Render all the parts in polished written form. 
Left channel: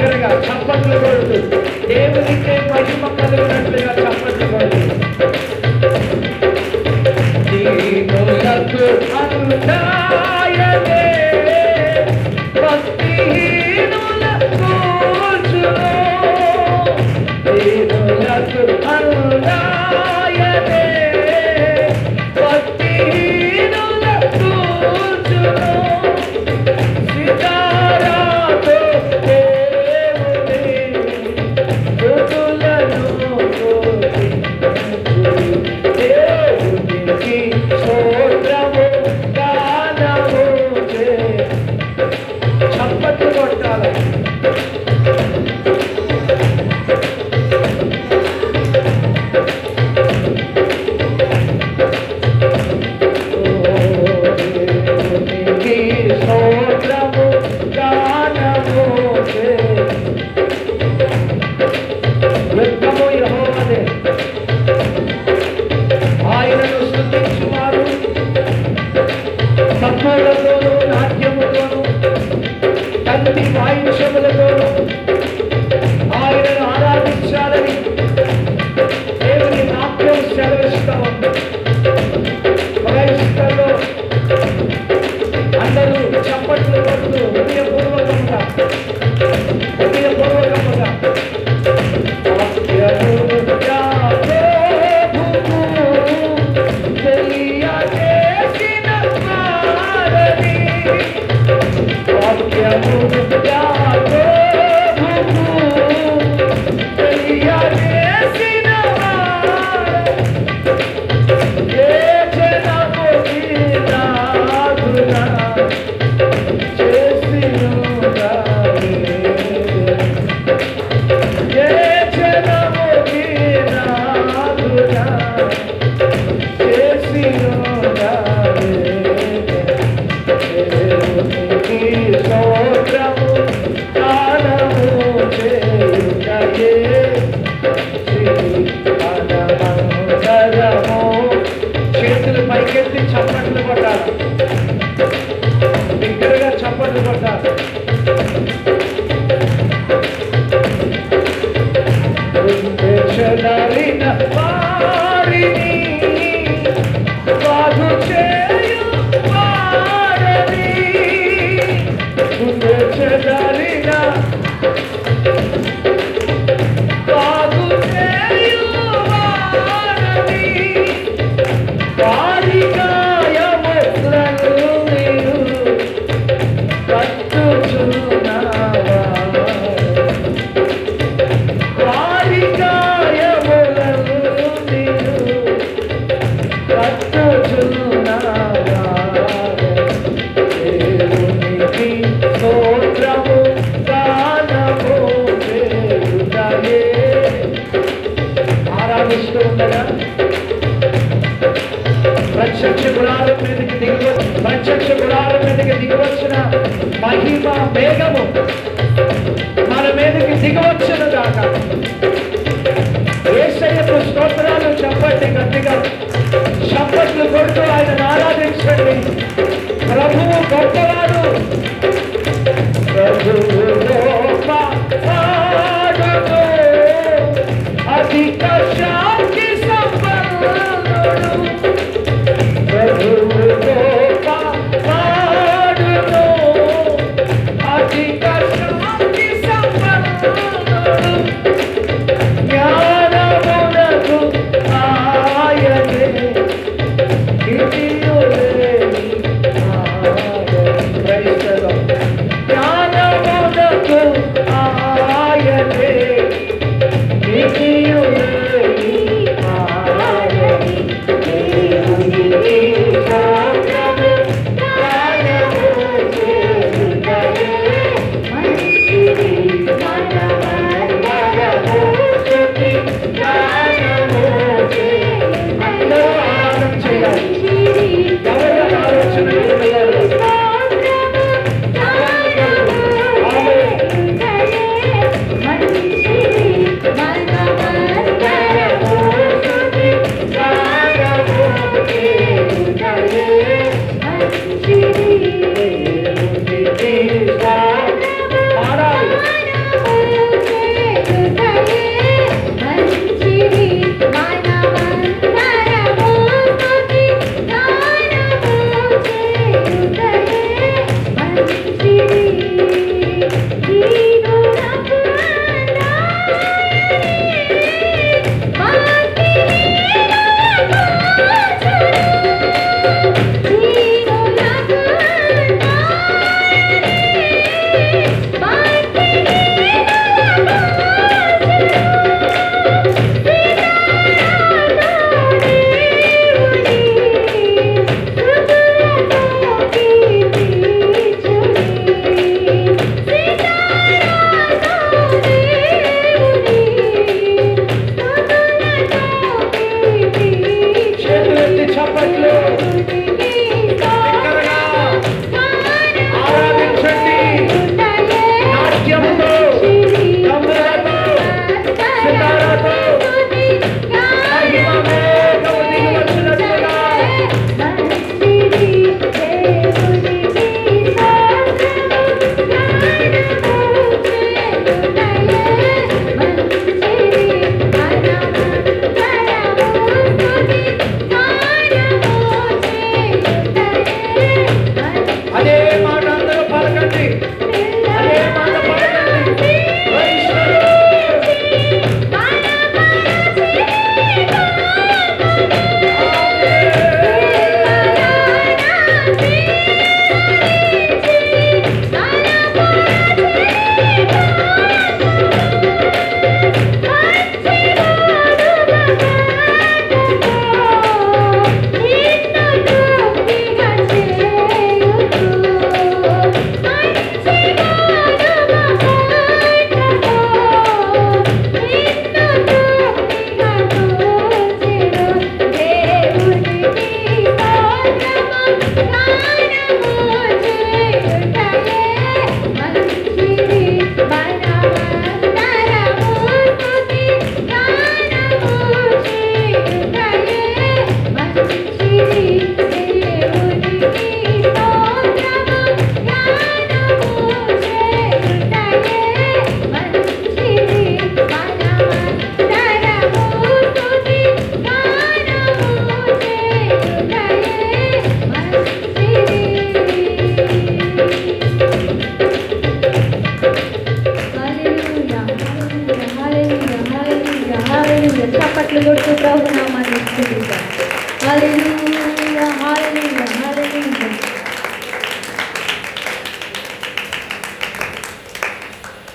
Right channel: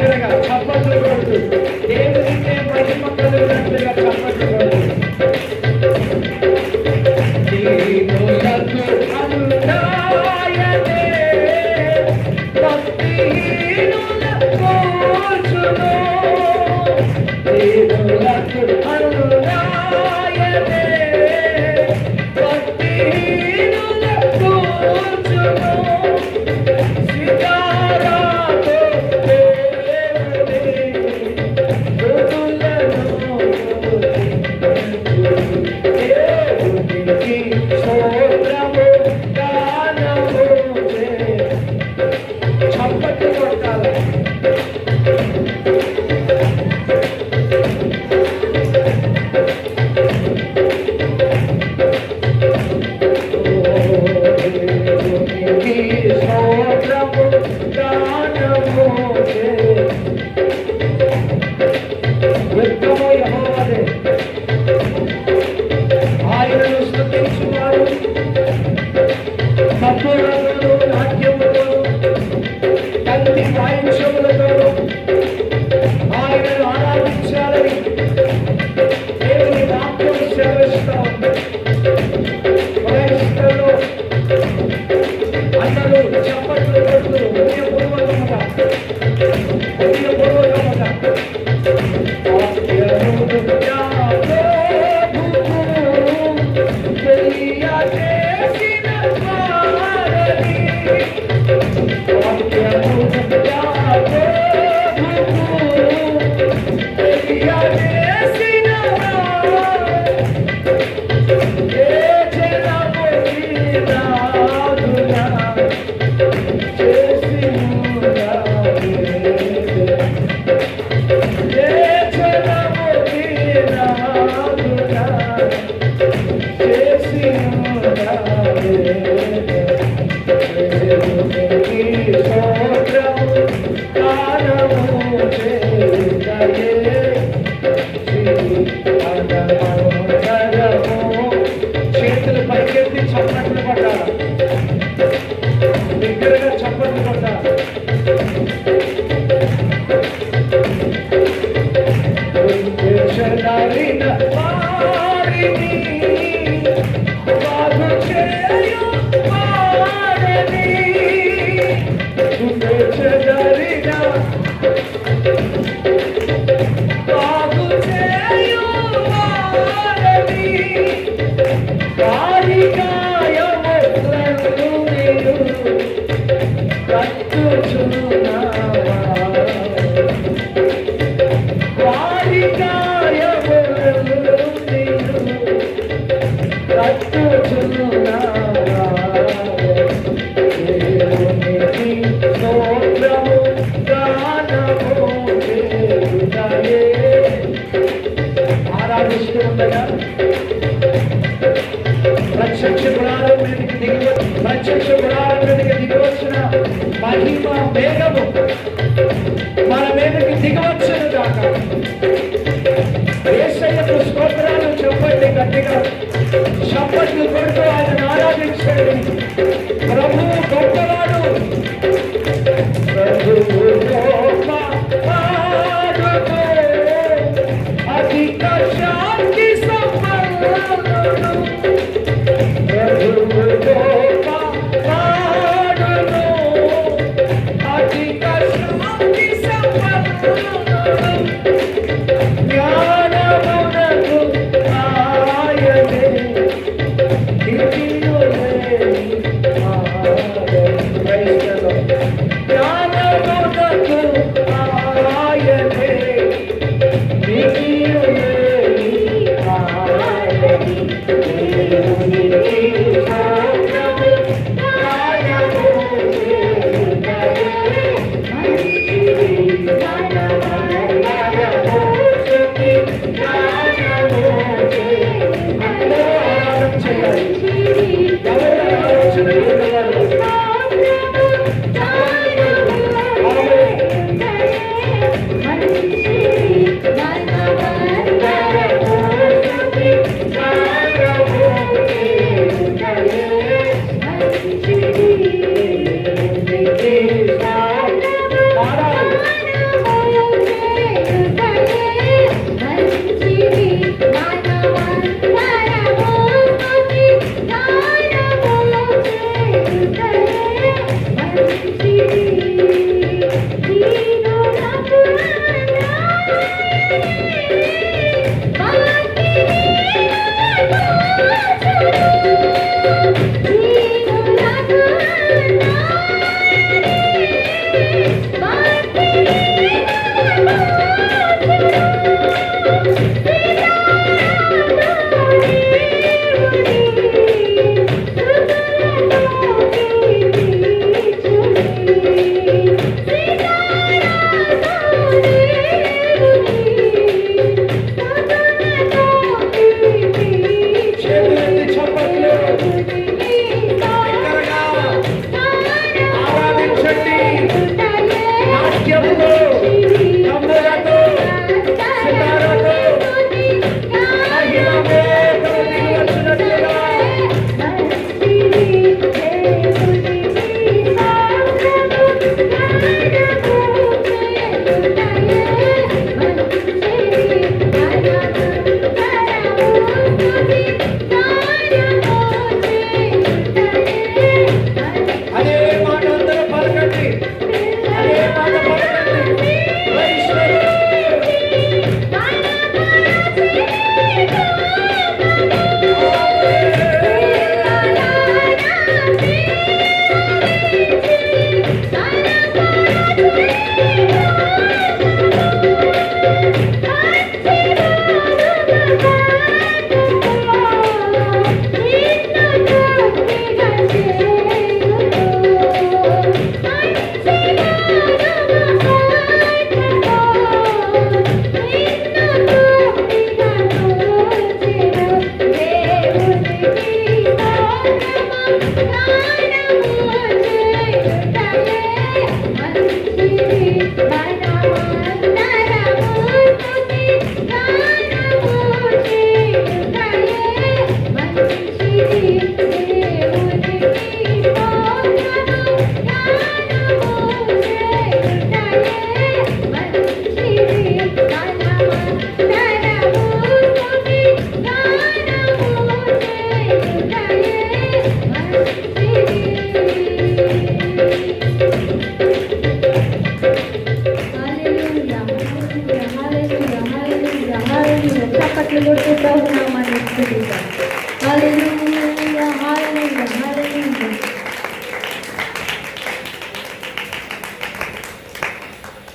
బిగ్గరగా చప్పట్లు కొడుతూ దేవునికే మహిమ కలిగినట్లుగా చప్పట్లు కొడుతూ అనుదాయనే భక్తిహీనుల కోర్చును దేవులకు అనుదాయనే భక్తిహీనుల కోర్చును సితారాతో దేవుని స్తుతులను దేవునికి స్తోత్రము గానము చప్పట్లు కొట్టాలి. యుద్ధము యెహోవాదే, ఆయనను స్తుతించువారు సంపూర్ణతోను నాట్యముతో తండ్రి వాయుషములతో ఆయనను ఆరాధించాలని దేవుని వాక్యం సెలవిస్తా ఉంది. అందరూ చప్పట్లు కొడుతూ హృదయపూర్వకంగా స్తోత్రము గానము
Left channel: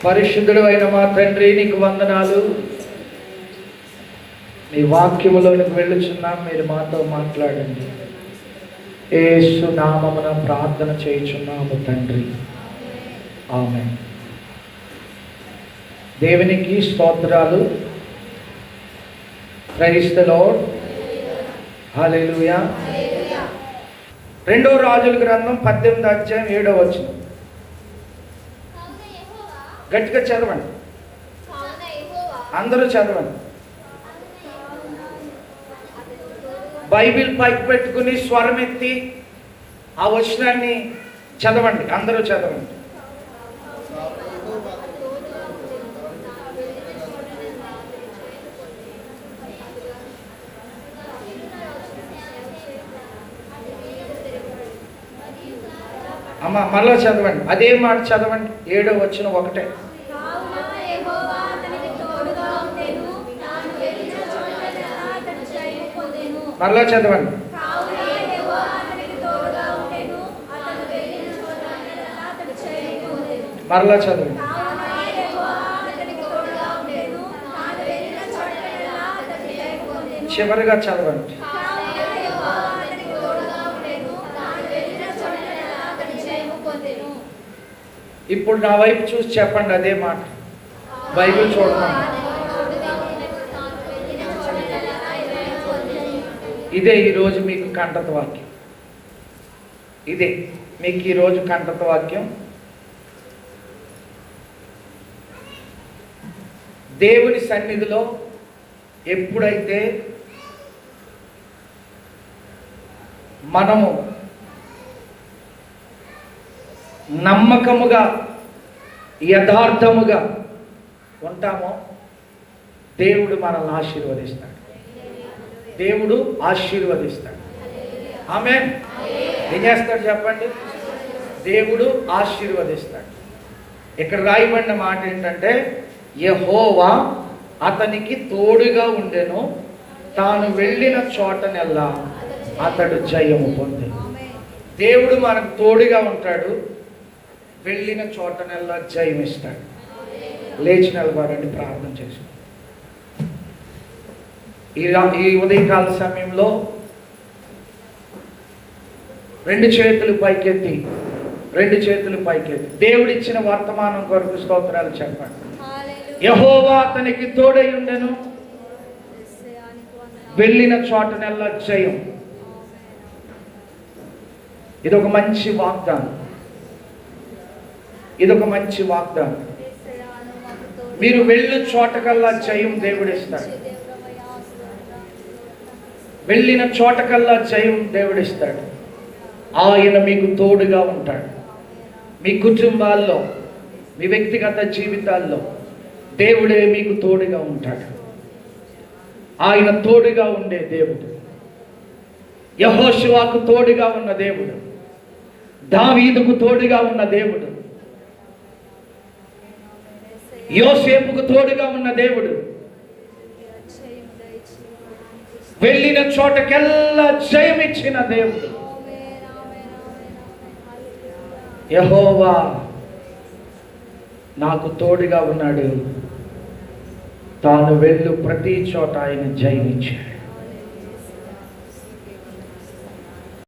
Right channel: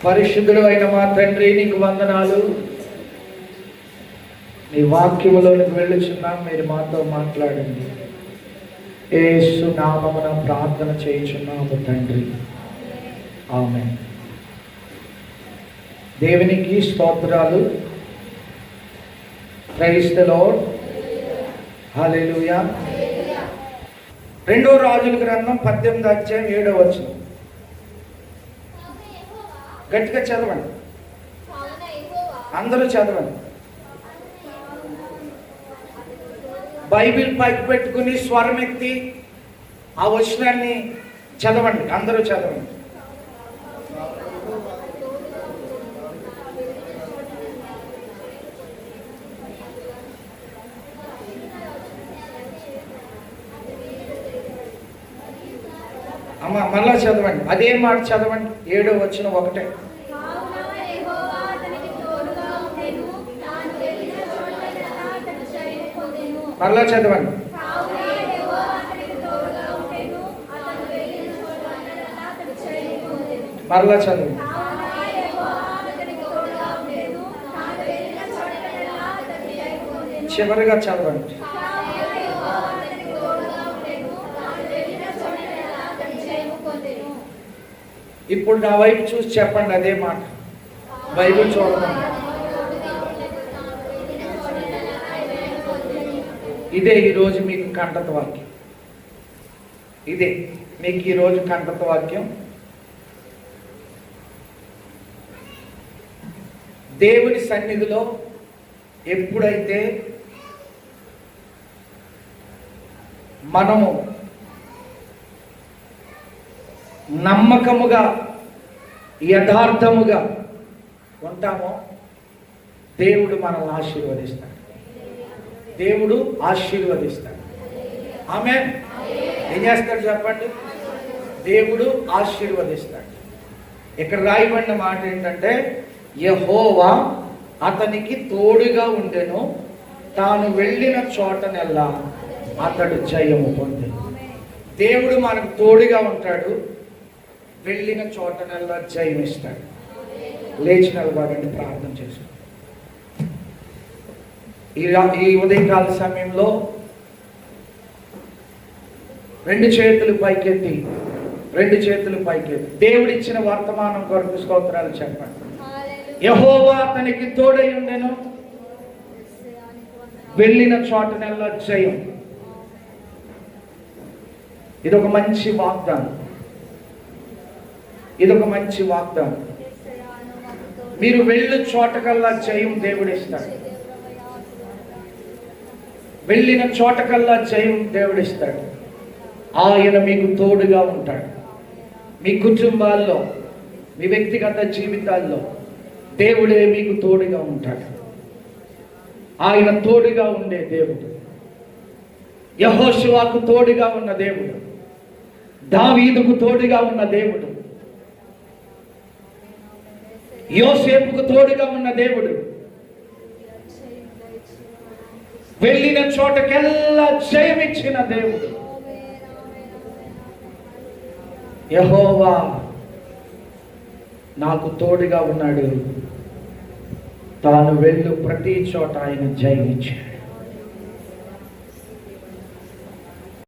పరిశుద్ధుడు అయిన మా తండ్రి, నీకు వందనాలు. నీ వాక్యములోనికి వెళ్ళుచున్నాం, మీరు మాతో మాట్లాడండి. యేసు నామమున ప్రార్థన చేయుచున్నాము తండ్రి, ఆమేన్. దేవునికి స్తోత్రాలు. Praise the lord. హల్లెలూయా. 2 రాజుల గ్రంథం 18వ అధ్యాయం 7వ వచనం. గట్టిగా చదవండి, అందరూ చదవండి. బైబిల్ పైకి పెట్టుకుని స్వరం ఎత్తి ఆ వచనాన్ని చదవండి, అందరూ చదవండి. అమ్మ మళ్ళా చదవండి, అదే మాట చదవండి. 7వ వచనం ఒకటే. మళ్ళా చదవండి. మళ్ళా చదవండి. చివరిగా చదవండి. ఇప్పుడు నా వైపు చూసి చెప్పండి అదే మాట. బైబిల్ చూడమని. ఇదే ఈరోజు మీకు కంటత వాక్యం. ఇదే మీకు ఈరోజు కంటత వాక్యం. దేవుని సన్నిధిలో ఎప్పుడైతే మనము నమ్మకముగా యథార్థముగా ఉంటామో దేవుడు మనల్ని ఆశీర్వదిస్తాడు. దేవుడు ఆశీర్వదిస్తాడు. ఆమేన్. ఏం చేస్తాడు చెప్పండి? దేవుడు ఆశీర్వదిస్తాడు. ఇక్కడ రాయబడిన మాట ఏంటంటే, యెహోవా అతనికి తోడుగా ఉండెను, తాను వెళ్ళిన చోటనెల్లా అతడు జయము పొందెను. దేవుడు మనకు తోడుగా ఉంటాడు, వెళ్ళిన చోటనెల్లా జయమిస్తాడు. లేచి నిలబడండి, ప్రార్థన చేసి. ఈ ఉదయకాల సమయంలో 2 చేతులు పైకెత్తి, 2 చేతులు పైకెత్తి దేవుడిచ్చిన వర్తమానం కొరకు స్తోత్రాలు చెప్పండి. యెహోవా అతనికి తోడై ఉండెను, వెళ్ళిన చోటనెల్లా జయం. ఇదొక మంచి వాగ్దానం. ఇదొక మంచి వాగ్దానం. మీరు వెళ్ళు చోటకల్లా జయం దేవుడిస్తాడు. వెళ్ళిన చోటకల్లా జయం దేవుడిస్తాడు. ఆయన మీకు తోడుగా ఉంటాడు. మీ కుటుంబాల్లో, మీ వ్యక్తిగత జీవితాల్లో దేవుడే మీకు తోడుగా ఉంటాడు. ఆయన తోడుగా ఉండే దేవుడు. యెహోషువకు తోడుగా ఉన్న దేవుడు, దావీదుకు తోడుగా ఉన్న దేవుడు, యోసేపుకు తోడుగా ఉన్న దేవుడు, వెళ్ళిన చోటకెల్లా జయమిచ్చిన దేవుడు. యెహోవా నాకు తోడుగా ఉన్నాడు, తాను వెళ్ళు ప్రతి చోట ఆయన జయమిచ్చాడు.